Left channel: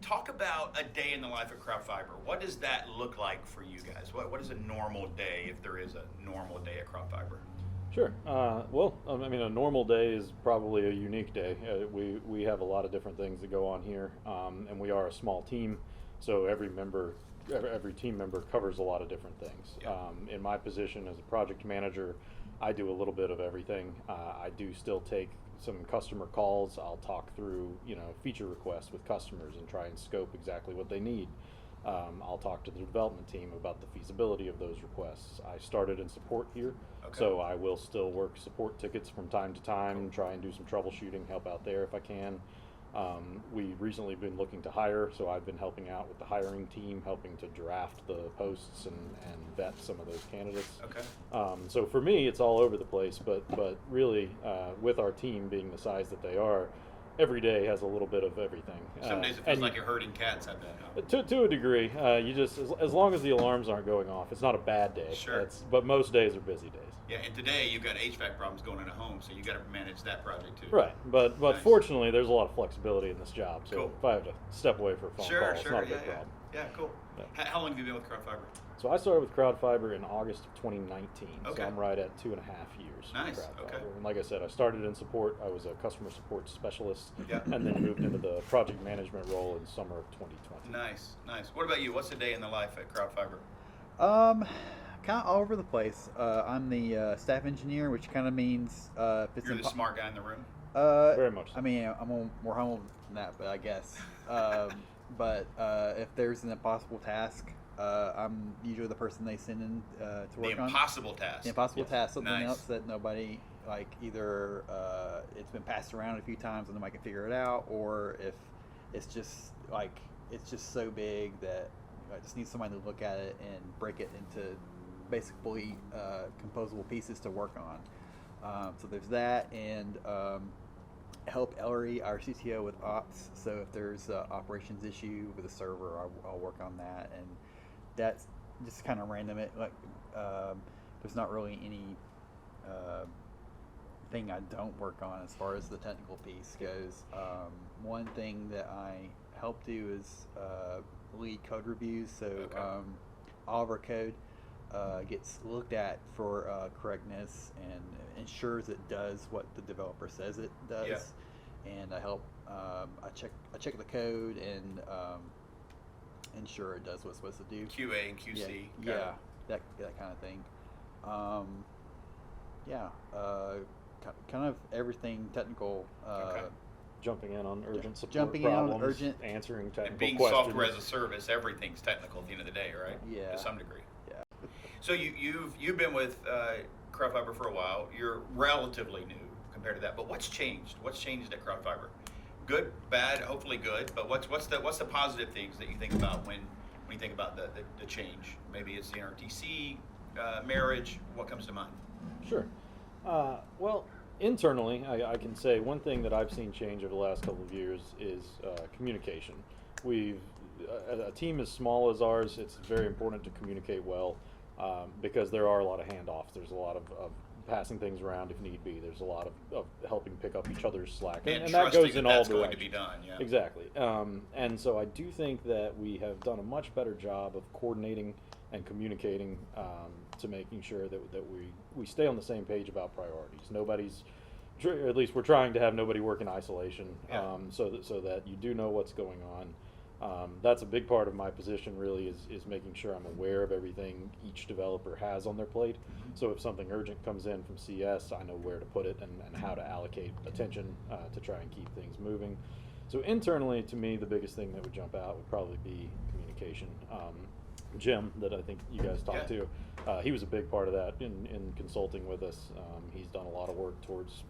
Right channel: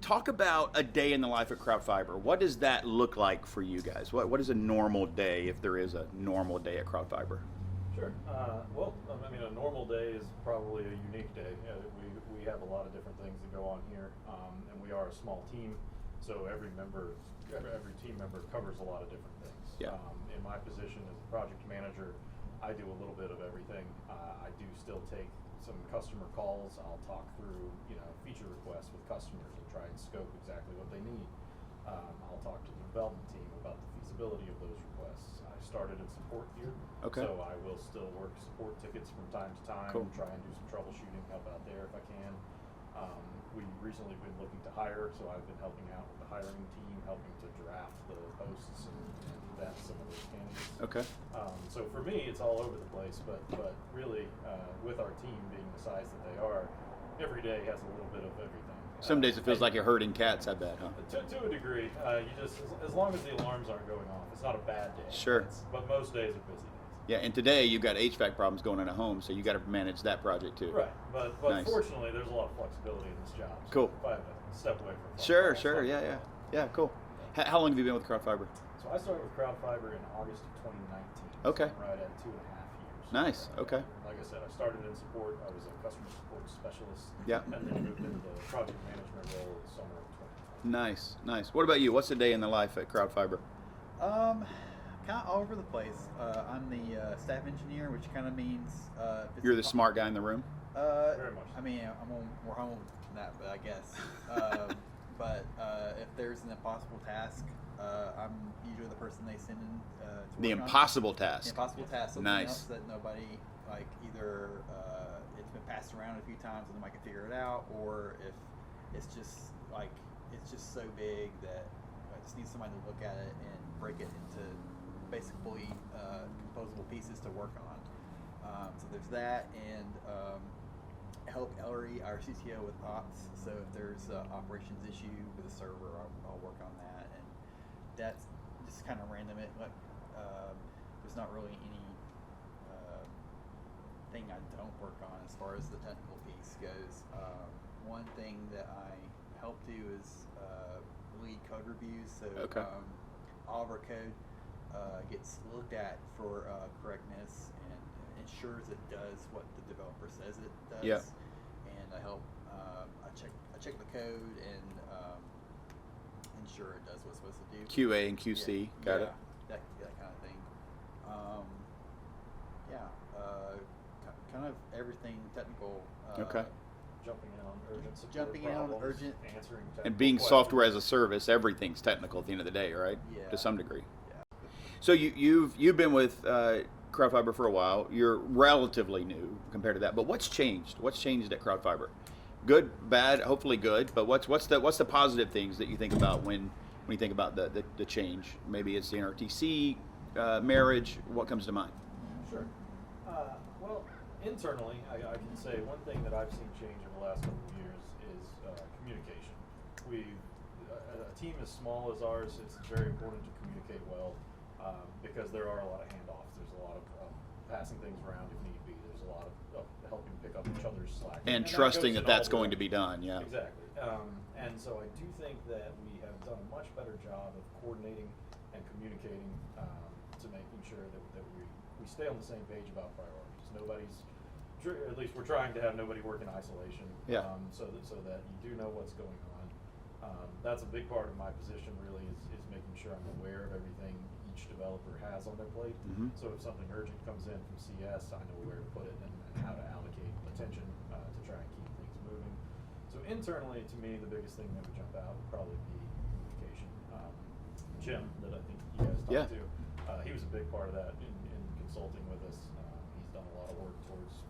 Talk about a day in the life of CrowdFiber. What does that look like for you guys? What is a normal day, if there is a normal day at CrowdFiber? Sure. A normal day is probably a unique day. We have a lot of different things that go on here, and we are a small team, so every team member covers a lot of different things. Yeah. In my position as a project manager, I do a little bit of everything. I do still take some customer calls. I'll talk through, feature requests with customers and try and scope exactly what they need. I'll talk to the development team about the feasibility of those requests. I started in support here, so I will still work support tickets from time to time, try and do some troubleshooting, help out there if I can. We recently been looking to hire, so I've been helping out with the hiring team, helping to draft the posts and vet some of those candidates. Okay. So for me, it's all over the place, but really, with our team being the size that they are, every day has a little bit of everything. Some days it feels like you're herding cats, I bet, huh? To a degree. You just, as long as the alarms aren't going off, it's not a bad day. Sure. But most days are busy days. Yeah, and today you've got HVAC problems going in a home, so you got to manage that project too. Right, but Nice. Fortunately, there's a lot of flexibility in this job. So Cool. if I have to step away for a phone call, Sure, it's not a big problem. Yeah, cool. Yeah. How long have you been with CrowdFiber? So I started with CrowdFiber in August of 2019. Okay. So I'm right at 2.5 years. Nice, with okay. CrowdFiber. And like I said, I started in support. I was a customer support specialist. Yeah. And then moved into the project management role in the summer of 2020. Nice. What about you? What's a day in the life at CrowdFiber? Kind of all over the place. I'm the staff engineer, which kind of means if it's You're the smart guy in the room? Very much so. I mean, more humble than that, but I guess. But if there's an impossible task, I'm usually the person they send in to work on. The impossible task. The impossible task, something Nice. else that nobody, like, either it's been passed around a few times and nobody can figure it out, or if it's just so big that I just need somebody to look at it and break it into basically composable pieces to work on. So there's that, and help Ellery, our CTO, with ops. So if there's an operations issue with a server, I'll work on that, and that's just kind of random. There's not really any thing I don't work on as far as the technical piece goes. One thing that I help do is lead code reviews. So all of our code gets looked at for correctness and ensures it does what the developer says it does. Yeah. And I help. I check the code and ensure it does what it's supposed to do. QA and QC. Yeah, that kind of thing. Kind of everything technical. Jumping in on urgent support Jumping in on problems, urgent- answering technical And being questions. software as a service, everything's technical at the end of the day, right? Yeah. To some degree. Yeah. So you've been with CrowdFiber for a while. You're relatively new compared to that. But what's changed? What's changed at CrowdFiber? Good, bad, hopefully good. But what's the positive things that you think about when you think about the change? Maybe it's the NRTC marriage. What comes to mind? Sure. Well, internally, I can say one thing that I've seen change over the last couple of years is communication. A team as small as ours, it's very important to communicate well because there are a lot of handoffs. There's a lot of passing things around if need be. There's a lot of helping pick up each other's slack. And that trusting goes in that's all going to be directions. done, yeah. Exactly. And so I do think that we have done a much better job of coordinating and communicating to making sure that we stay on the same page about priorities. At least we're trying to have nobody work in isolation, Yeah. so that you do know what's going on. That's a big part of my position, really, is making sure I'm aware of everything each developer has on their plate. Mhm. So if something urgent comes in from CS, I know where to put it and how to allocate attention to try and keep things moving. So internally, to me, the biggest thing that would jump out would probably be communication. Jim, that I think you guys talked to, he was a big part of that in consulting with us. He's done a lot of work towards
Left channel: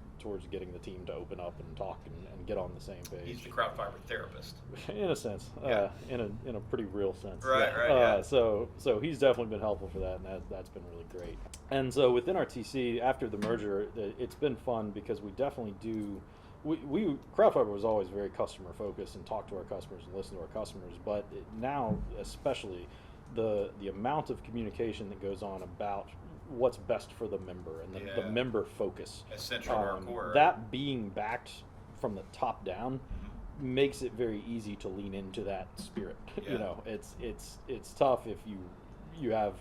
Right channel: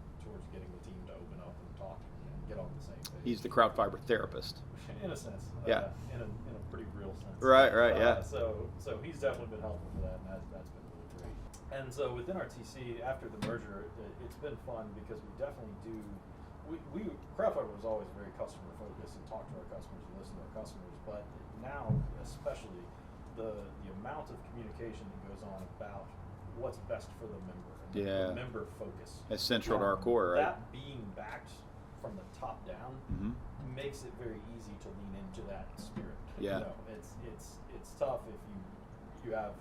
getting the team to open up and talk and get on the same page. He's the CrowdFiber therapist. In a sense, Yeah. in a pretty real sense. Right, yeah. So he's definitely been helpful for that, and that's been really great. And so with NRTC, after the merger, it's been fun because we definitely do. CrowdFiber was always very customer focused and talk to our customers and listen to our customers, but now especially the amount of communication that goes on about what's best for the member and the member focus. That's central to our core, right? That being backed from the top down Mm-hmm. makes it very easy to lean into that spirit. Yeah. You know, it's tough if you have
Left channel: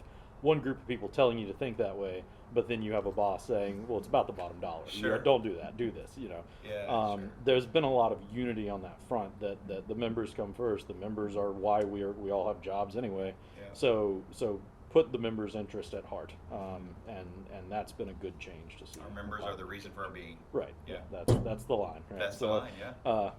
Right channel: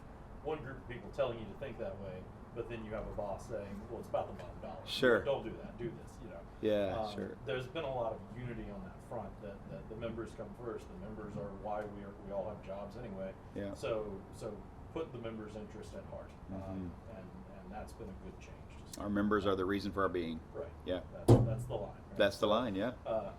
one group of people telling you to think that way, but then you have a boss saying, well, it's about the bottom dollar. Sure. You know, don't do that, do this, you know. Yeah, sure. There's been a lot of unity on that front, that the members come first. The members are why we all have jobs anyway. Yeah. So put the members' interest at heart, Mhm. and that's been a good change to see. Our members are the reason for our being. Right. Yeah. That's the line. Right? That's the So, line, yeah.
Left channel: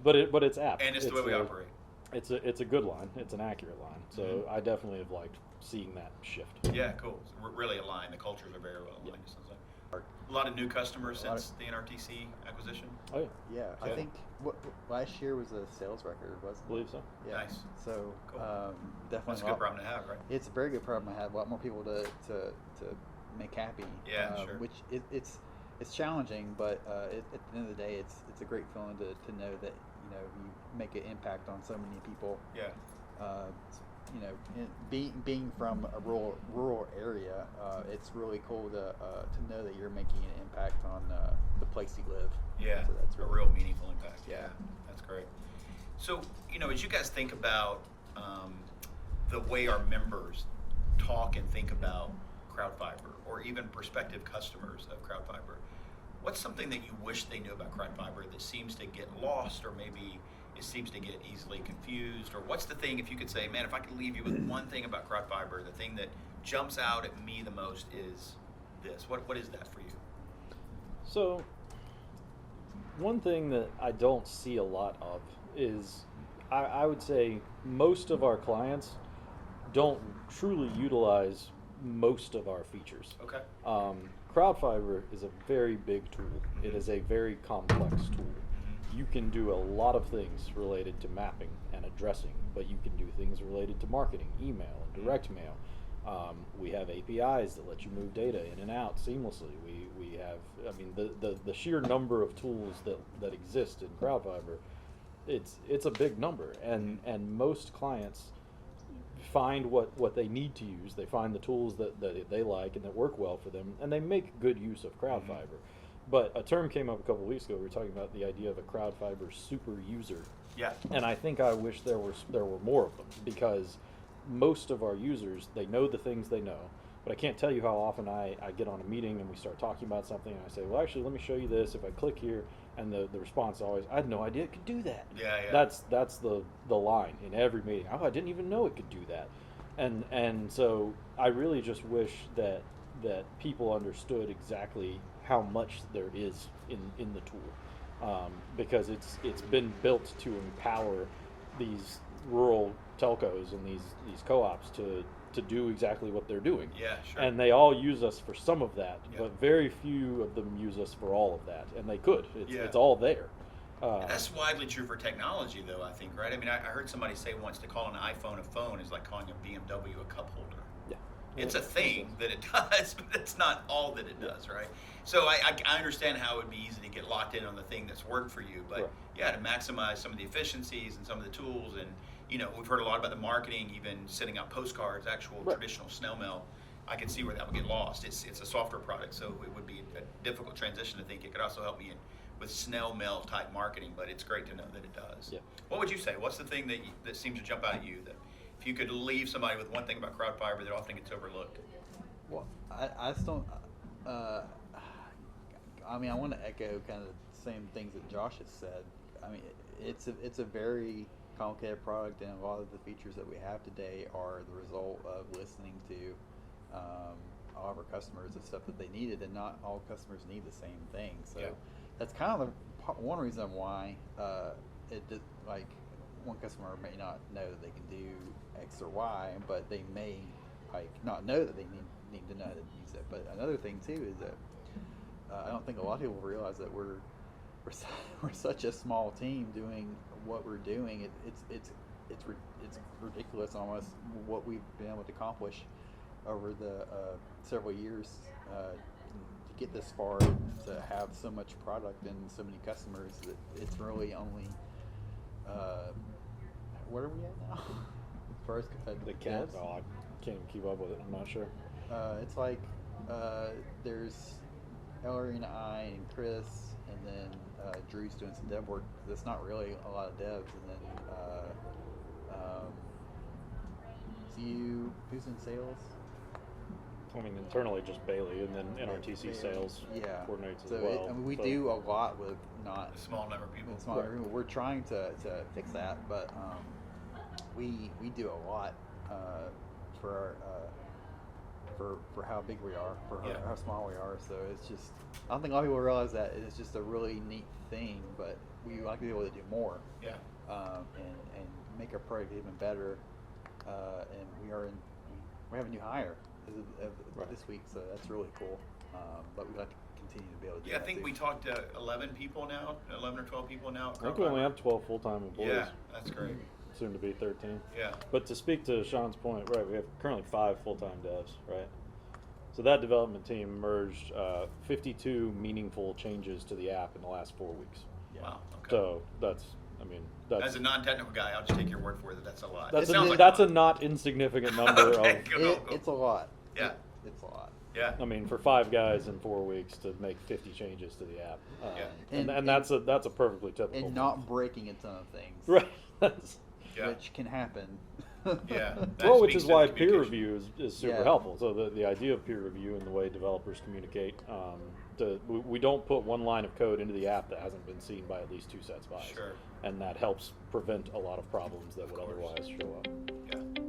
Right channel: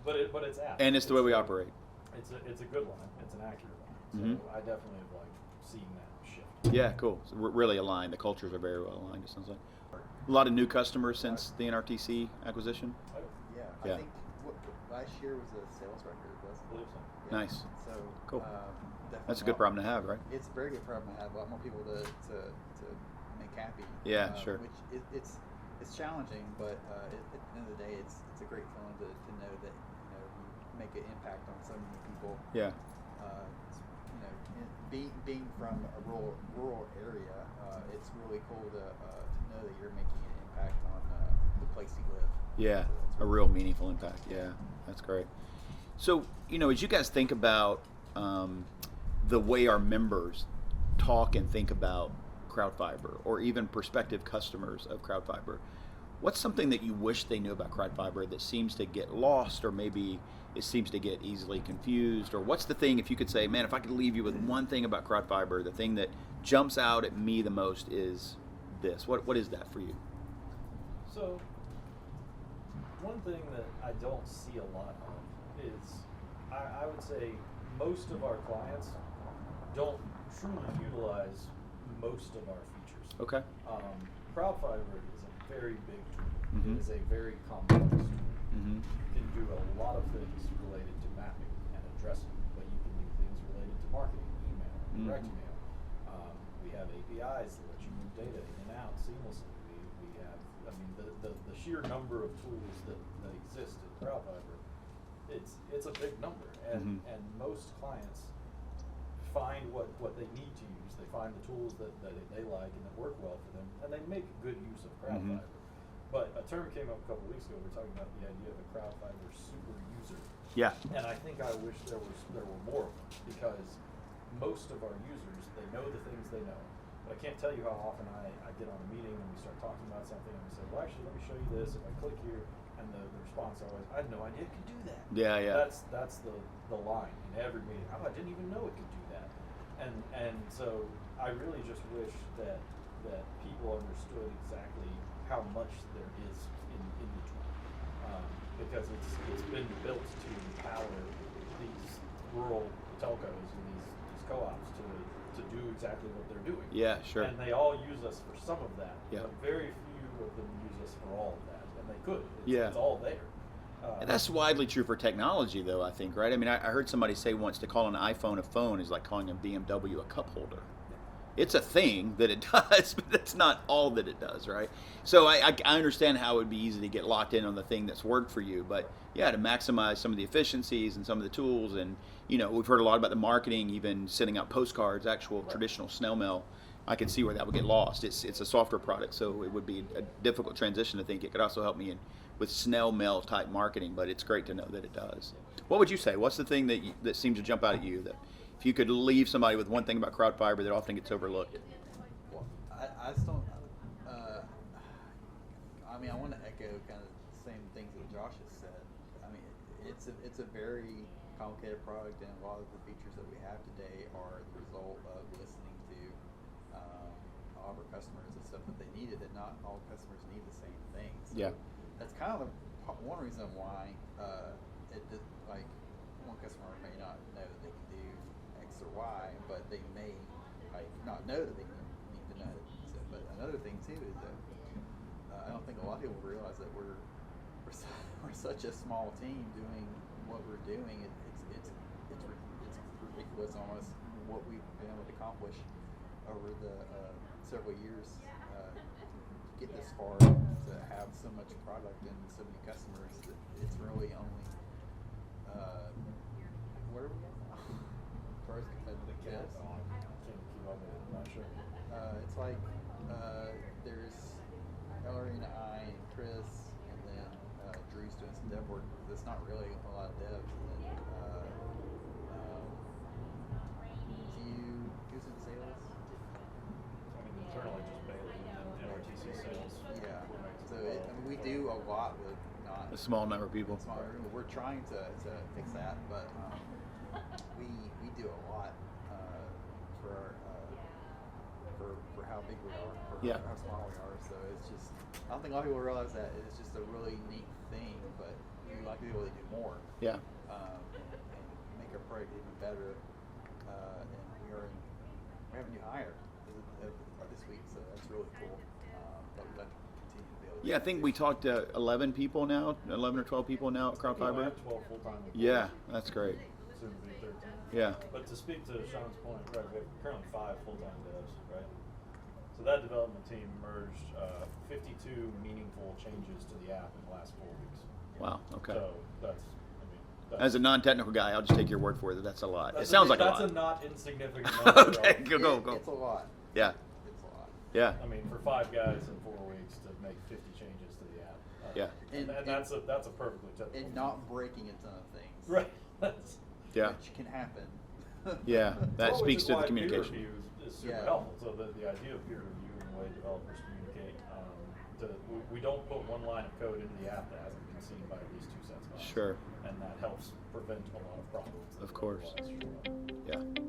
But it's apt. And it's the way we operate. It's a good line. It's an accurate line. So Mhm. I definitely have liked seeing that shift. Yeah, cool. So we're really aligned. The cultures are very well aligned, it sounds like. A lot of new customers since the NRTC acquisition. I Yeah, I Yeah. think what last year was a sales record, wasn't it? believe so. Yeah. Nice. So Cool. definitely That's a good problem to have, right? It's a very good problem to have. A lot more people to make happy. Yeah, sure. Which it's challenging, but at the end of the day, it's a great feeling to know that you make an impact on so many people. Yeah. Being from a rural area, it's really cool to know that you're making an impact on the place you live. Yeah, So that's a really real meaningful impact. Yeah, Yeah. that's great. So, as you guys think about the way our members talk and think about CrowdFiber, or even prospective customers of CrowdFiber, what's something that you wish they knew about CrowdFiber that seems to get lost, or maybe it seems to get easily confused? Or what's the thing, if you could say, man, if I could leave you with one thing about CrowdFiber, the thing that jumps out at me the most is this. What is that for you? So one thing that I don't see a lot of is, I would say most of our clients don't truly utilize most of our features. Okay. CrowdFiber is a very big tool. Mhm. It is a very complex tool. Mm-hmm. You can do a lot of things related to mapping and addressing, but you can do things related to marketing, email, direct mail. We have APIs that let you move data in and out seamlessly. We have, I mean, the sheer number of tools that exist in CrowdFiber, it's a big number, and most clients find what they need to use. They find the tools that they like and that work well for them, and they make good use of CrowdFiber. But a term came up a couple of weeks ago. We were talking about the idea of a CrowdFiber super user. Yeah. And I think I wish there were more of them, because most of our users, they know the things they know. But I can't tell you how often I get on a meeting and we start talking about something, and I say, well, actually, let me show you this. If I click here, and the response is always, I had no idea it could do that. Yeah, yeah. That's the line in every meeting. Oh, I didn't even know it could do that. And so I really just wish that people understood exactly how much there is in the tool, because it's been built to empower these rural telcos and these co-ops to do exactly what they're doing. Yeah, sure. And they all use us for some of that, Yeah. but very few of them use us for all of that, and they could. It's all there. And that's widely true for technology, though, I think, right? I mean, I heard somebody say once, to call an iPhone a phone is like calling a BMW a cup holder. Yeah. It's a thing that it does, but that's not all that it does, right? So I understand how it would be easy to get locked in on the thing that's worked for you, but yeah, to maximize some of the efficiencies and some of the tools, and we've heard a lot about the marketing, even sending out postcards, actual traditional snail mail. I can see where that would get lost. It's a software product, so it would be a difficult transition to think. It could also help me with snail mail type marketing, but it's great to know that it does. Yeah. What would you say? What's the thing that seems to jump out at you, that if you could leave somebody with one thing about CrowdFiber that often gets overlooked? Well, I just don't. I mean, I want to echo kind of the same things that Josh has said. I mean, it's a very complicated product, and a lot of the features that we have today are the result of listening to all of our customers, the stuff that they needed, and not all customers need the same thing. So Yeah. that's kind of one reason why like one customer may not know that they can do X or Y, but they may not know that they need to know how to use it. But another thing too is that I don't think a lot of people realize that we're such a small team doing what we're doing. It's ridiculous almost what we've been able to accomplish over the several years to get this far, to have so much product and so many customers. That it's really only where are we at now? As far as The count, well, I can't keep up with it. I'm not sure. it's like there's Ellery and I and Chris, and then Drew's doing some dev work. There's not really a lot of devs, and then who's in sales? I mean, internally just Bailey, and then NRTC sales coordinates So as well. I mean, we do a lot with not A small number of people. Small number of people. We're trying to fix that, but we do a lot for for how big we are, for how small we are. So it's just, I don't think a lot of people realize that it's just a really neat thing, but we like to be able to do more. Yeah. And make our product even better. And we have a new hire this week, so that's really cool. But we'd like to continue to be able to do Yeah, I that think too. we talked to 11 people now, 11 or 12 people now at I think we only CrowdFiber. have 12 full-time employees. Yeah, that's great. Soon to be 13. Yeah. But to speak to Sean's point, right, we have currently 5 full-time devs, right? So that development team merged 52 meaningful changes to the app in the last 4 weeks. Wow. Okay. So that's, I mean, that's, As a non-technical guy, I'll just take your word for it. That's a lot. that's It sounds like that's a a lot. not insignificant number. Okay, of- go. It's a lot. Yeah. It's a lot. Yeah. I mean, for 5 guys in 4 weeks to make 50 changes to the app. Yeah. And that's a perfectly typical. And not breaking a ton of things. Right. That's, Yeah. Which can happen. Yeah. That well, which speaks is to the why peer communication. review is super Yeah. helpful. So the idea of peer review and the way developers communicate, we don't put one line of code into the app that hasn't been seen by at least 2 sets of eyes. Sure. And that helps prevent a lot of problems that Of would course. otherwise show up. Yeah.